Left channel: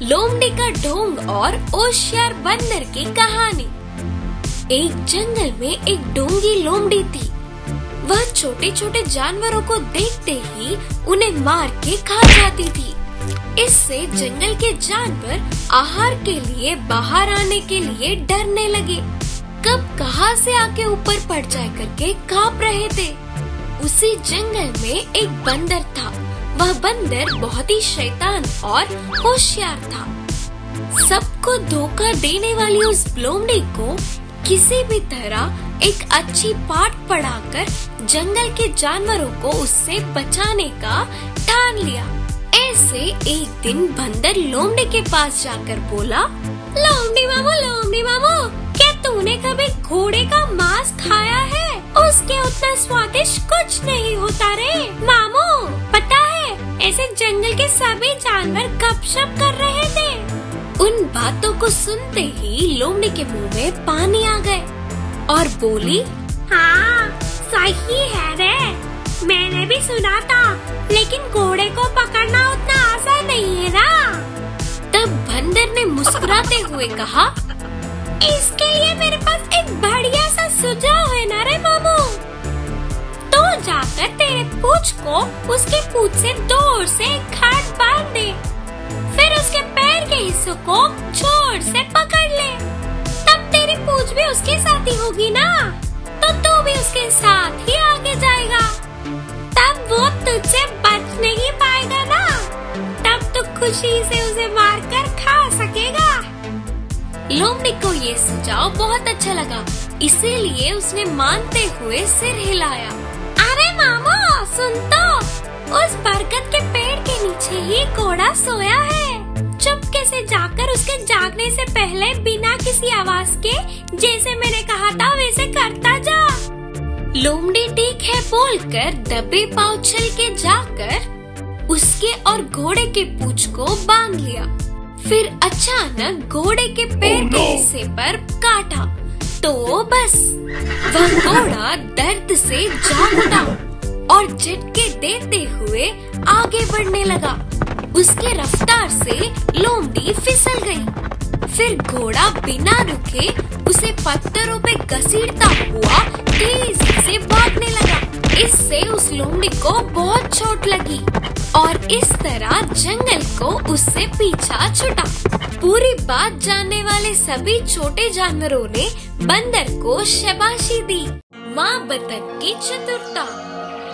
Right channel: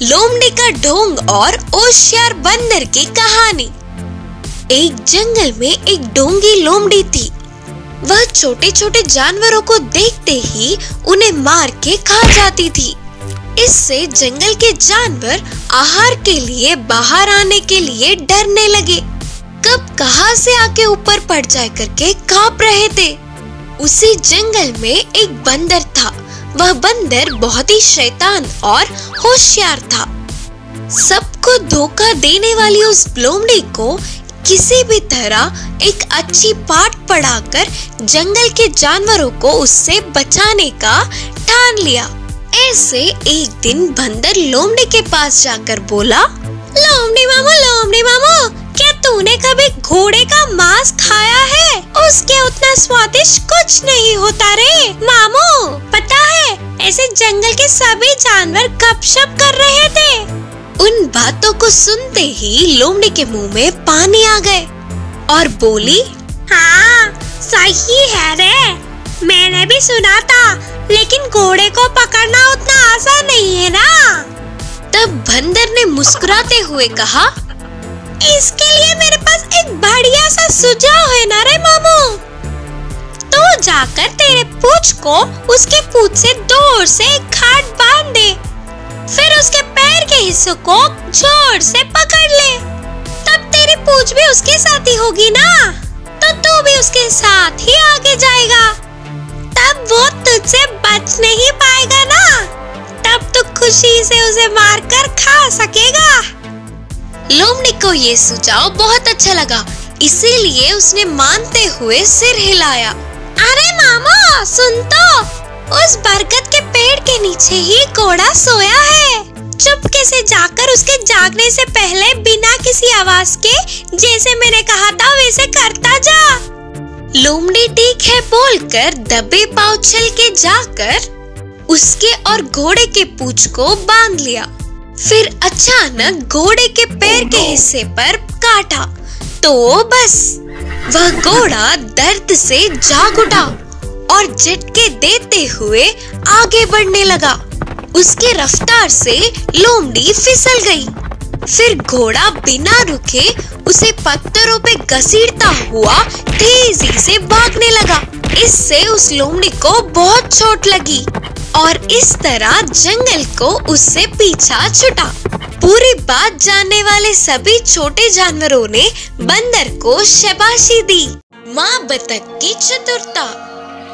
लोमड़ी का ढोंग और होशियार बंदर की कहानी। एक जंगल में एक ढोंगी लोमड़ी थी। वह छोटे छोटे जानवरों को देखते ही उन्हें मार के खा जाती थी। इससे जंगल के जानवर आहार के लिए बाहर आने के लिए डरने लगे। कब कहां से आके ऊपर पड़ जाए करके कांप रहे थे। उसी जंगल में एक बंदर था। वह बंदर बहुत ही शैतान और होशियार था। सबको धोखा देने वाली उस लोमड़ी को किसी भी तरह एक अच्छी पाठ पढ़ाकर जंगल के जानवरों को उससे बचाने का ठान लिया। ऐसे एक दिन बंदर लोमड़ी के पास जाकर बोला, लोमड़ी मामू, क्या तूने कभी घोड़े का मांस खाया है? उसके उतना स्वादिष्ट कुछ नहीं होता रे मामू। पता है, ऐसे जंगल के सभी जानवर गपशप कर रहे थे। उन बातों को सुनते ही लोमड़ी के मुंह में पानी आ गए और बोली, हाँ सही है रे, मैंने भी सुना था, लेकिन घोड़े को पकड़ना उतना आसान नहीं है ना। तब बंदर ने मुस्कुराते हुए कहा, इसके लिए मेरे पास एक बढ़िया सा सुझाव है ना रे मामू। तो जाकर तेरे पूंछ को उसके पूंछ से दूर से एक खाट बांध दे, फिर उसके पैर के हिस्सों को जोर से पकड़ ले। तब तेरी पूंछ भी उसके साथ ही होगी ना, तो तू भी उसके साथ ही आगे जाएगा। तब वो तुझसे बच नहीं पाएगा ना, तब तू खुशी से उसे मारकर खा सकेगा। लोमड़ी को ये सुझाव बहुत अच्छा लगा, इसीलिए उसने मानते हुए सिर हिलाया। अरे मामा सुन तो, उस बरगद के पेड़ के नीचे ही घोड़ा सोया है। चुपके से जाकर उसके जागने से पहले बिना किसी आवाज के, जैसे मैंने कहा था वैसे करता जा। लोमड़ी ठीक है बोलकर दबे पांव चल के जाकर उसके और घोड़े के पूंछ को बांध लिया। फिर अचानक घोड़े के पैर के हिस्से पर काटा, तो बस वह घोड़ा दर्द से जाग उठा और झटके देते हुए आगे बढ़ने लगा। उसके रफ्तार से लोमड़ी फिसल गई। फिर घोड़ा बिना रुके उसे पत्थरों पे घसीटता हुआ तेजी से भागने लगा। इससे उस लोमड़ी को बहुत चोट लगी और इस तरह जंगल को उससे पीछा छूटा। पूरी बात जानने वाले सभी छोटे जानवरों ने बंदर को शाबाशी दी। माँ बतख की चतुरता।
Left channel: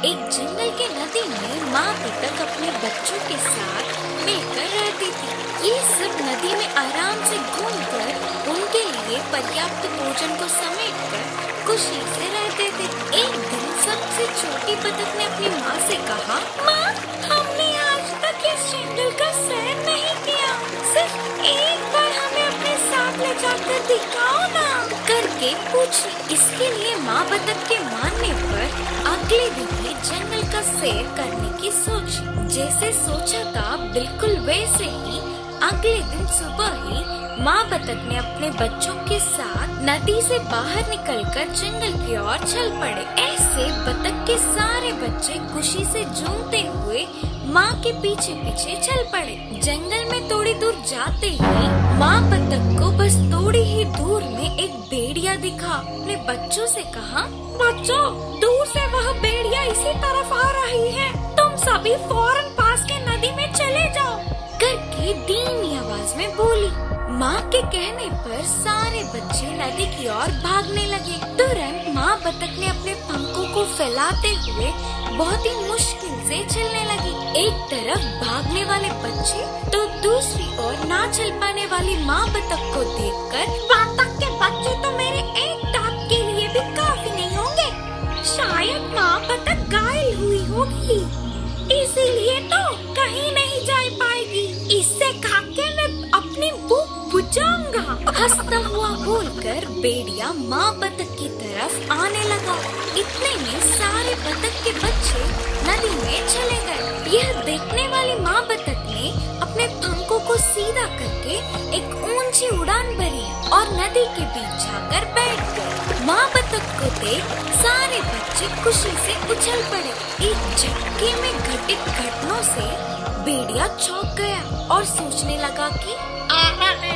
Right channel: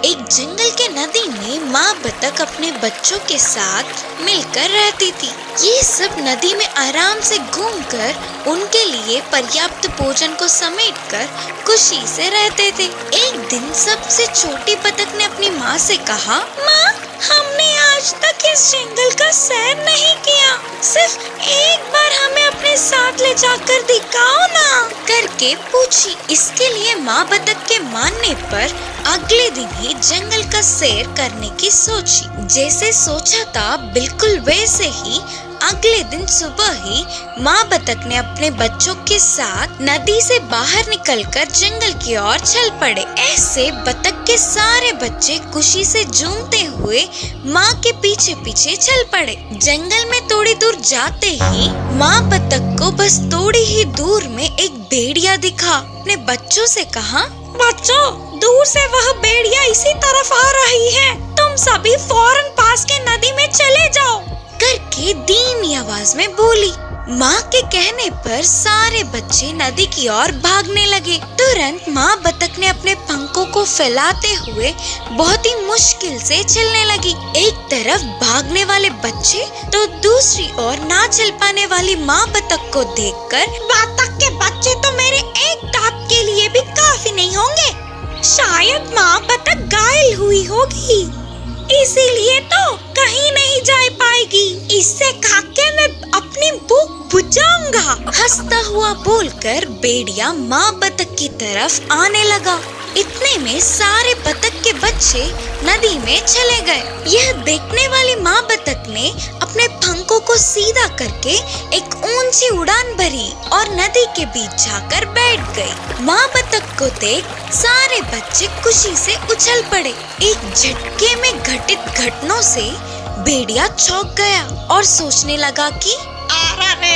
एक जंगल के नदी में माँ बतख अपने बच्चों के साथ मिलकर रहती थी। ये सब नदी में आराम से घूमकर उनके लिए पर्याप्त भोजन को समेटकर खुशी से रहते थे। एक दिन सबसे छोटी बतख ने अपनी माँ से कहा, माँ हमने आज तक इस जंगल का सैर नहीं किया, सिर्फ एक बार हमें अपने साथ ले जाकर दिखाओ ना, करके पूछी। इसके लिए माँ बतख के मानने पर अगले दिन ही जंगल का सैर करने की सोची। जैसे सोचा था बिल्कुल वैसे ही अगले दिन सुबह ही माँ बतख ने अपने बच्चों के साथ नदी से बाहर निकलकर जंगल की ओर चल पड़े। ऐसे बतख के सारे बच्चे खुशी से झूमते हुए माँ के पीछे पीछे चल पड़े। जंगल में थोड़ी दूर जाते ही माँ बतख को बस थोड़ी ही दूर में एक भेड़िया दिखा। अपने बच्चों से कहा, बच्चों दूर से वह भेड़िया इसी तरफ आ रही है, तुम सभी फौरन पास के नदी में चले जाओ, करके धीमी आवाज में बोली। माँ के कहने पर सारे बच्चे नदी की ओर भागने लगे। तुरंत माँ बतख ने अपने पंखों को फैलाते हुए बहुत ही मुश्किल से चलने लगी। एक तरफ भागने वाले बच्चे तो दूसरी ओर ना चल पाने वाली माँ बतख को देखकर, बतख के बच्चे तो मेरे एक दांत के लिए भी काफी नहीं होंगे, शायद माँ बतख घायल हुई होगी, इसीलिए तो कहीं नहीं जा पाएगी, इससे खाके मैं अपनी भूख बुझाऊंगा। हंसता हुआ बोलकर भेड़िया माँ बतख की तरफ आने लगा। इतने में सारे बतख के बच्चे नदी में चले गए। यह देखने वाली माँ बतख ने अपने पंखों को सीधा करके एक ऊंची उड़ान भरी और नदी के बीच जाकर बैठ गई। माँ बतख को देख सारे बच्चे खुशी से उछल पड़े। एक झटके में घटित घटनाओं से भेड़िया चौंक गया और सोचने लगा कि अरे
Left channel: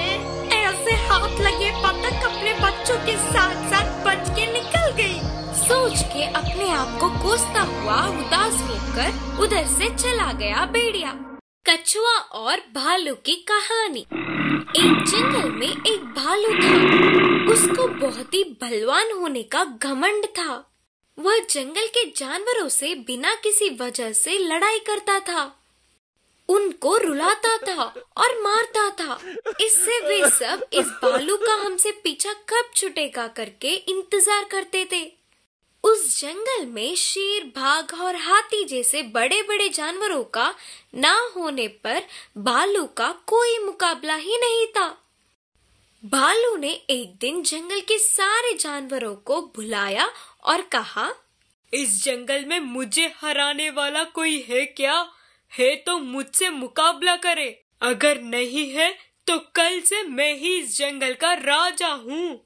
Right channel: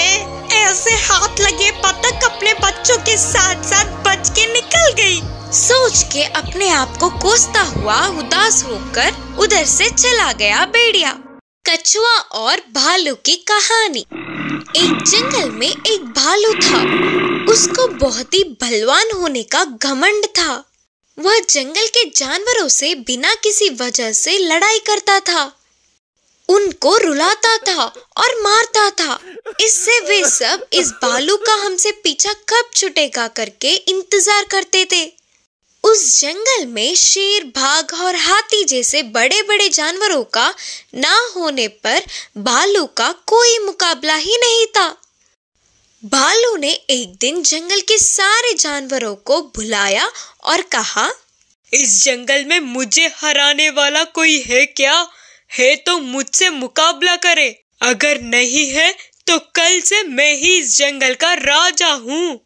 ऐसे हाथ लगे बतख अपने बच्चों के साथ साथ बच के निकल गई। सोच के अपने आप को कोसता हुआ उदास होकर उधर से चला गया भेड़िया। कछुआ और भालू की कहानी। एक जंगल में एक भालू था। उसको बहुत ही बलवान होने का घमंड था। वह जंगल के जानवरों से बिना किसी वजह से लड़ाई करता था, उनको रुलाता था और मारता था। इससे वे सब इस भालू का हमसे पीछा कब छूटेगा करके इंतजार करते थे। उस जंगल में शेर, बाघ और हाथी जैसे बड़े बड़े जानवरों का ना होने पर भालू का कोई मुकाबला ही नहीं था। भालू ने एक दिन जंगल के सारे जानवरों को बुलाया और कहा, इस जंगल में मुझे हराने वाला कोई है क्या? है तो मुझसे मुकाबला करे, अगर नहीं है तो कल से मैं ही इस जंगल का राजा हूँ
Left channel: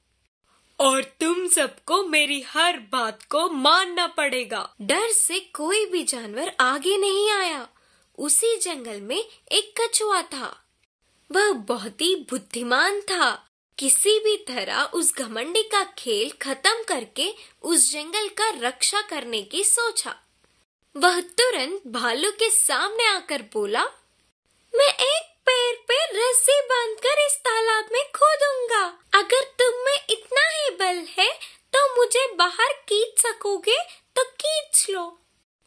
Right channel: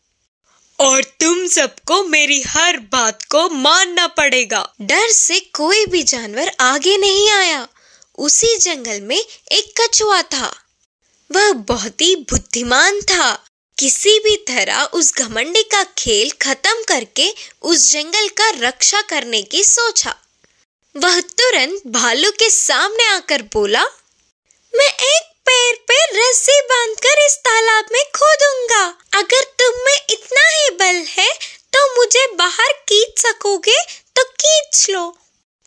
और तुम सबको मेरी हर बात को मानना पड़ेगा। डर से कोई भी जानवर आगे नहीं आया। उसी जंगल में एक कछुआ था। वह बहुत ही बुद्धिमान था। किसी भी तरह उस घमंडी का खेल खत्म करके उस जंगल का रक्षा करने की सोचा। वह तुरंत भालू के सामने आकर बोला, मैं एक पैर पे रस्सी बांधकर इस तालाब में कूदूंगा। अगर तुम में इतना ही बल है तो मुझे बाहर खींच सकोगे तो खींच लो।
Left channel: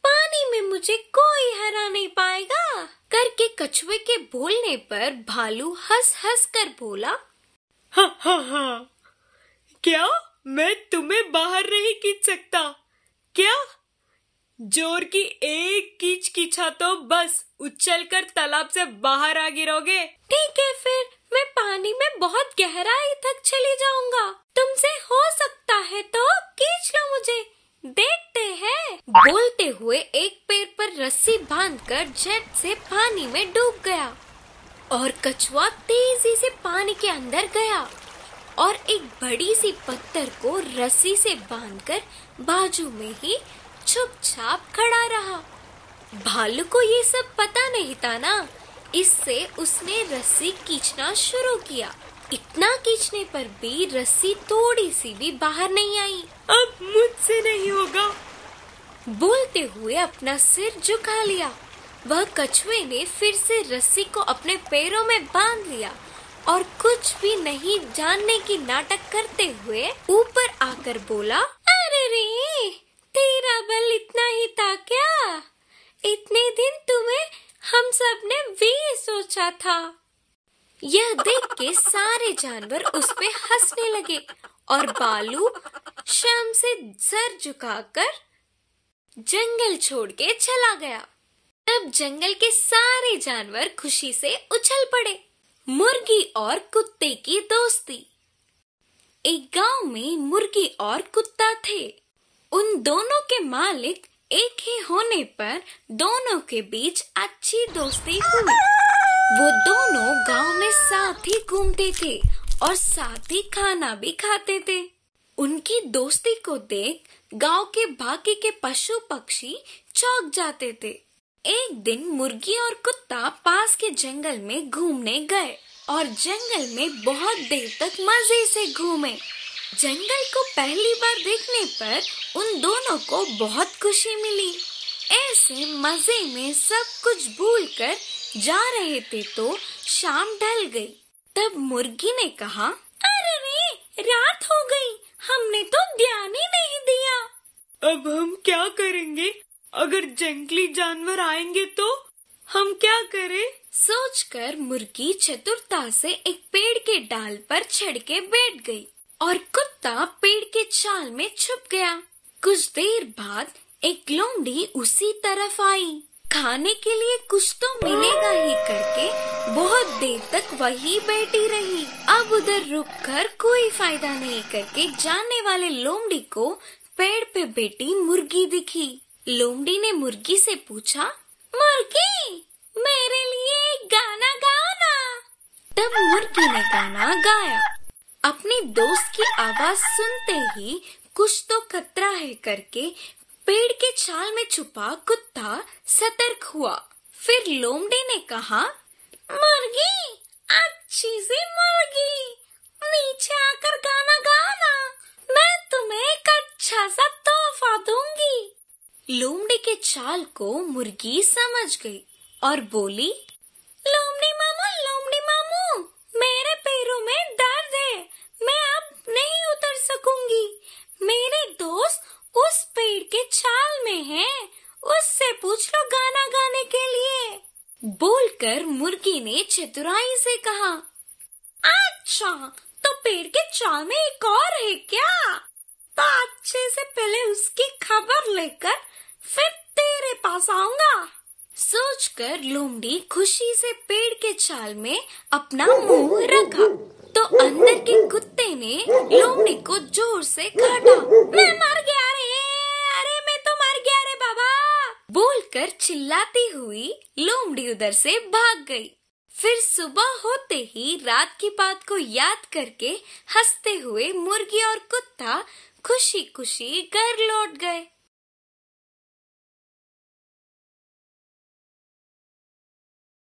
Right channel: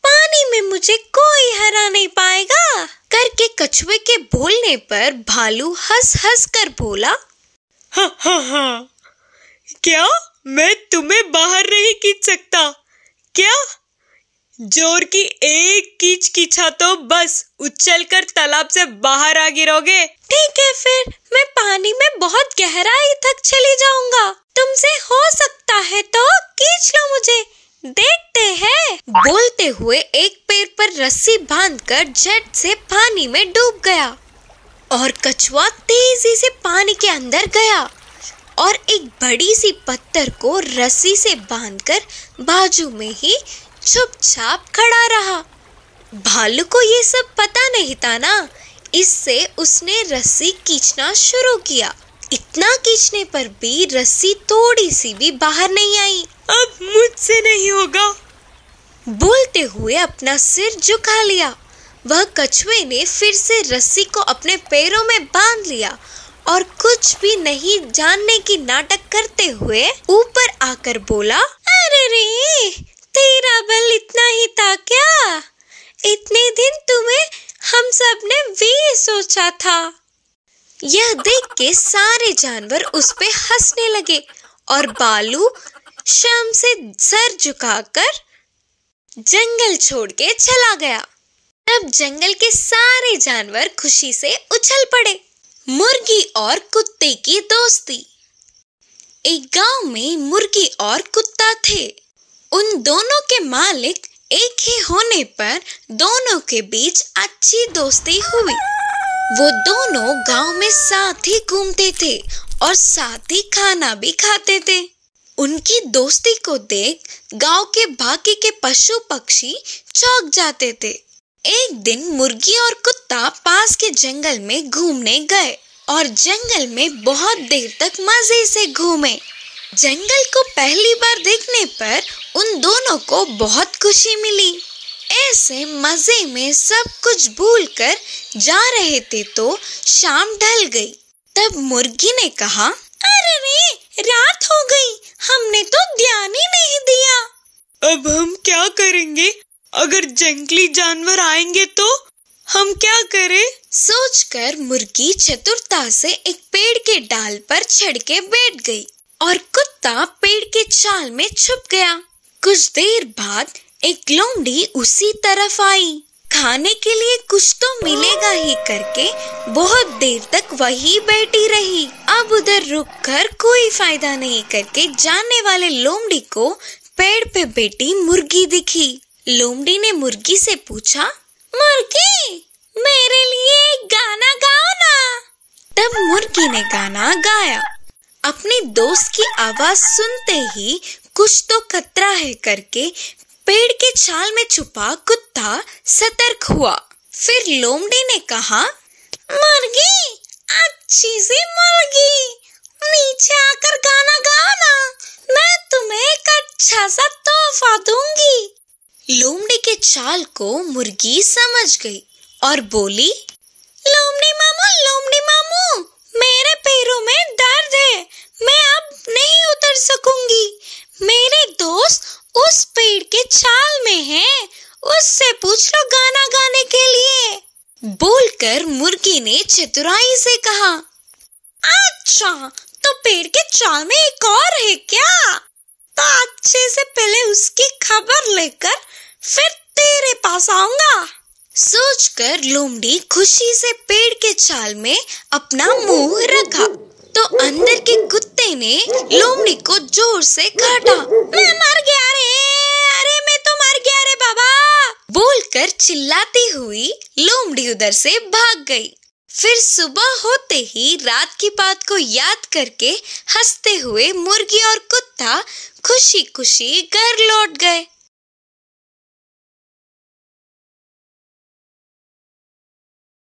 पानी में मुझे कोई हरा नहीं पाएगा। करके कछुए के बोलने पर भालू हंस हंस कर बोला, हाँ, क्या मैं तुम्हें बाहर नहीं खींच सकता क्या? जोर की एक कीच कीछा तो बस उछलकर तालाब से बाहर आ गिरोगे। ठीक है, फिर मैं पानी में बहुत गहराई तक चली जाऊंगा। तुमसे हो सकता है तो खींच लो मुझे, देखते हैं। बोलते हुए एक पैर पर रस्सी बांधकर झट से पानी में डूब गया और कछुआ तेजी से पानी के अंदर गया और एक बड़ी सी पत्थर को रस्सी से बांधकर बाजू में ही चुपचाप खड़ा रहा। भालू को ये सब पता नहीं था ना, इससे उसने रस्सी खींचना शुरू किया। इतना खींचने पर भी रस्सी थोड़ी सी भी बाहर नहीं आई। अब मुझसे नहीं होगा, बोलते हुए अपना सिर झुका लिया। वह कछुए ने फिर से रस्सी को अपने पैरों में बांध लिया और कुछ भी नहीं जानने की नाटक करते हुए ऊपर आकर बोला, अरे रे, तेरा बल इतना ही था क्या? इतने दिन तुम्हें हम सब ने भी सोचा था। यह देख के सारे जानवर उस पे हंसने लगे और भालू शर्म से सर झुकाकर जंगल छोड़ के चला गया। तब जंगल के सारे जानवर खुशी से उछल पड़े। मुर्गी और कुत्ते की दोस्ती। एक गांव में मुर्गी और कुत्ता थे। उन दोनों के मालिक एक ही होने पर दोनों के बीच अच्छी दोस्ती हुई। वो दोनों गांव में साथ ही घूमते थे और साथ ही खाना भी खाते थे। उनकी दोस्ती को देख गांव के बाकी के पशु पक्षी चौंक जाते थे। एक दिन मुर्गी और कुत्ता पास के जंगल में घूमने गए और जंगल में बहुत देर तक मजे से घूमे। जंगल को पहली बार देखने पर उन दोनों को बहुत खुशी मिली। ऐसे मजे में सब कुछ भूलकर जा रहे थे तो शाम ढल गई। तब मुर्गी ने कहा, अरे रे, रात हो गई, हमने तो ध्यान ही नहीं दिया। अब हम क्या करेंगे? अगर जंगली जानवर आएंगे तो हम क्या करें? सोचकर मुर्गी चतुरता से एक पेड़ के डाल पर चढ़ के बैठ गई और कुत्ता पेड़ के छाल में छुप गया। कुछ देर बाद एक लोमड़ी उसी तरफ आई। खाने के लिए कुछ तो मिलेगा ही करके बहुत देर तक वही बैठी रही। अब उधर रुककर कोई फायदा नहीं करके जाने वाले लोमड़ी को पेड़ पे बैठी मुर्गी दिखी। लोमड़ी ने मुर्गी से पूछा, मुर्गी, मेरे लिए एक गाना गाओ ना। तब मुर्गी ने गाना गाया। अपने दोस्त की आवाज सुनते ही कुछ तो खतरा है करके पेड़ के छाल में छुपा कुत्ता सतर्क हुआ। फिर लोमड़ी ने कहा, मुर्गी, अच्छी सी मुर्गी, नीचे आकर गाना गाओ ना, मैं तुम्हें एक अच्छा सा तोहफा दूंगी। लोमड़ी के चाल को मुर्गी समझ गई और बोली, लोमड़ी मामू, मेरे पैरों में दर्द है, मैं अब नहीं उतर सकूंगी। मेरे दोस्त उस पेड़ के छाल में हैं, उससे पूछ लो गाना गाने के लिए। बोलकर मुर्गी ने चतुराई से कहा, अच्छा, तो पेड़ के छाल में एक और है क्या? तो अच्छे से पहले उसकी खबर लेकर फिर तेरे पास आऊंगा। सोचकर लोमड़ी खुशी से पेड़ के छाल में अपना मुंह रखा तो अंदर के कुत्ते ने लोमड़ी को जोर से काटा। मैं मर गया रे, अरे मैं तो मर गया रे बाबा, बोलकर चिल्लाती हुई लोमड़ी उधर से भाग गई। फिर सुबह होते ही रात की बात को याद करके हंसते हुए मुर्गी और कुत्ता खुशी खुशी घर लौट गए।